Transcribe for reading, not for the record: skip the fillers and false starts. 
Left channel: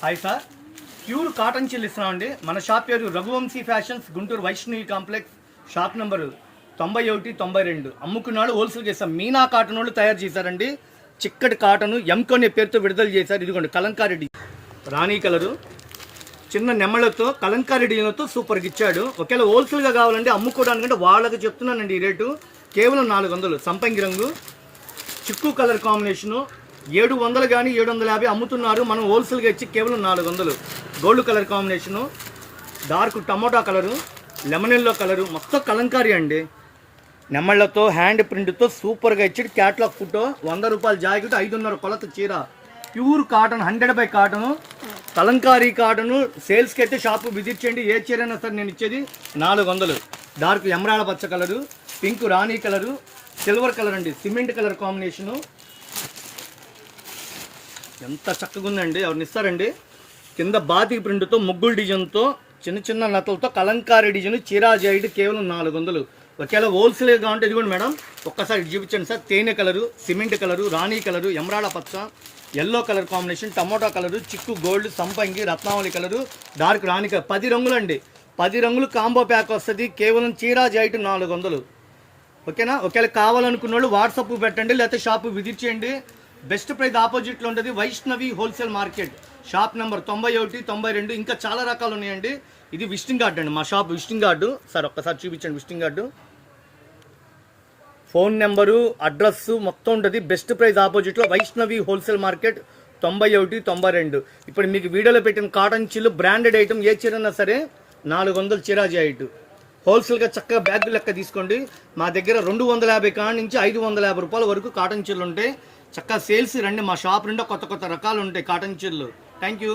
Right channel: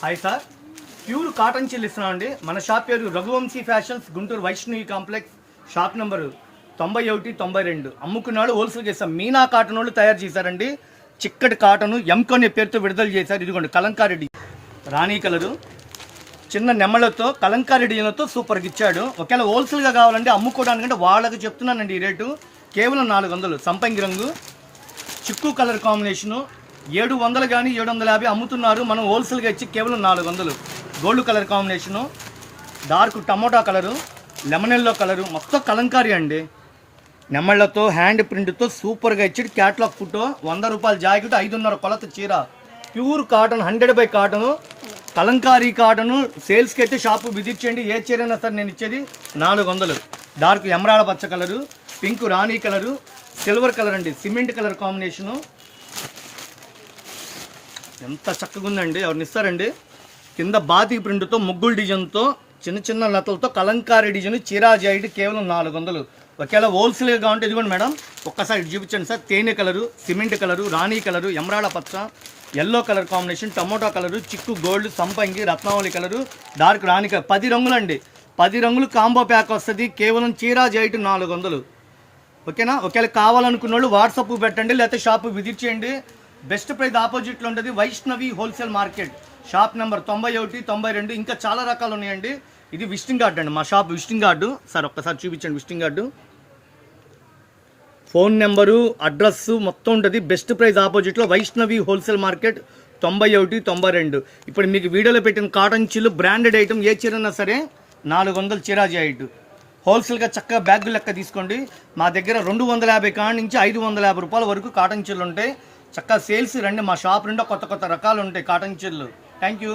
Hi sir, pure cotton chill ఇస్తున్నామండి. మన shop పేరు Raghuvamshi fashions, Guntur Vaishnavi complex, shop number 91, 92. అమ్ముకున్నాడు హోల్సేల్ చేస్తాం. మీనా కాటన్ వాళ్ళు తయారు చేశారండి. చిక్కటి కాటను ఎంకొనే పేరుతో విడుదల చేశారు. ఇదిగోండి కలంకారీ రాణి కలరు, చిన్న నెమ్మలతో కలంకారీ డిజైన్లతో సూపర్గా ఇచ్చాడు. ఒకవేళ హోల్సేల్గా కావాలంటే అమ్ముకోవడానికంటే వాళ్ళకి చెప్తున్నానండి ఈ రేటు కేవలం 400. సంపంగి రంగు చిక్కు కలర్ కాంబినేషను 700 కానీ 750 అమ్ముతున్నారు. మనం హోల్సేల్గా ఇచ్చి కేవలం 400. Gold colour combination, dark tomato colour, lemon yellow colour, మొత్తం కలంకారీ అండి. నెమ్మళ్లతో హ్యాండ్ ప్రింట్తో సూపర్గా ఇచ్చి క్యాట్లాగ్ ఫోటో, 100 రూపాయల జాకెట్, 5.5 కొలత చీర, pure cotton 100 cotton, Kalamkari cotton. సేల్స్కి అయితే షాపు విజిట్ చేయండి. ఏ చీర అయినా సరే నేను ఇచ్చేది 400. డార్క్ ఎమరాడ పచ్చ కలరు, పింక్ రాణి కలరు, సిల్వర్ కలర్ అండి, సిమెంట్ కలర్ కాంబినేషను. ఎంత చక్కగా ఉందండి, ఎవరిని ఇస్తారండి. కింద బాతికి ప్రింట్తో ముగ్గులు డిజైన్తో చిన్న చిన్న లతలతో కలంకారీ డిజైన్, చీరా జాయిడ్ కేవలం 400. ఒకవేళ హోల్సేల్గా కావాలంటే ఇదిగోండి మేడం, ఒక్కసారి చూపించండి సార్. తేనె కలరు, సిమెంట్ కలరు, రాణి కలరు, ఎమరాడ పచ్చ, yellow colour combination, tomato colour, చిక్కు గోల్డ్, సంపంగి, రత్నావళి కలరు, డార్క్ రాణి కలర్, 10 రంగులు అండి. 10 రంగులు కాంబో ప్యాక్ వస్తుంది. కేవలం చీరా జాయిట్ 400. ఓకేనా. ఒకవేళ కావాలనుకున్న వాళ్ళు వాట్సాప్ పెట్టండి, లేకపోతే షాపు విజిట్ చేయండి. బెస్ట్ ప్రైస్ ఆపోజిట్లో ఉంటుంది Vaishnavi wholesale market, shop number 91, 92. ఇంకా చాలా రకాలు ఉన్నాయండి. ఇది విజిటింగ్ కార్డు అండి, మా షాప్ విజిటింగ్ కార్డు. సార్ ఒక్కసారి చూపించండి visiting card. Phone number, address మొత్తం ఉంటుంది. బెస్ట్ ప్రైస్ ఆపోజిట్లో వైష్ణవి హోల్సేల్ మార్కెట్ 91, 92. ఇప్పుడు మీకు వీడియోలో పెట్టిన కాటన్ చిల్లు బ్రాండెడ్ ఐటమ్ ఏ చీరన్నా సరే 400 చీరా జాయిట్. హోల్సేల్గా చక్కగా బ్యాగ్ లెక్క తీసుకోండి. మా దగ్గర 250 కాడి నుంచి 550 రూపాయల వరకు కాటన్ చిల్లు ఉంటాయి. చక్కగా సేల్స్ రండి. మా షాప్ నుండి కొత్త కొత్త రకాలు ఉంటాయి కాటన్ చీరలు. Thank you.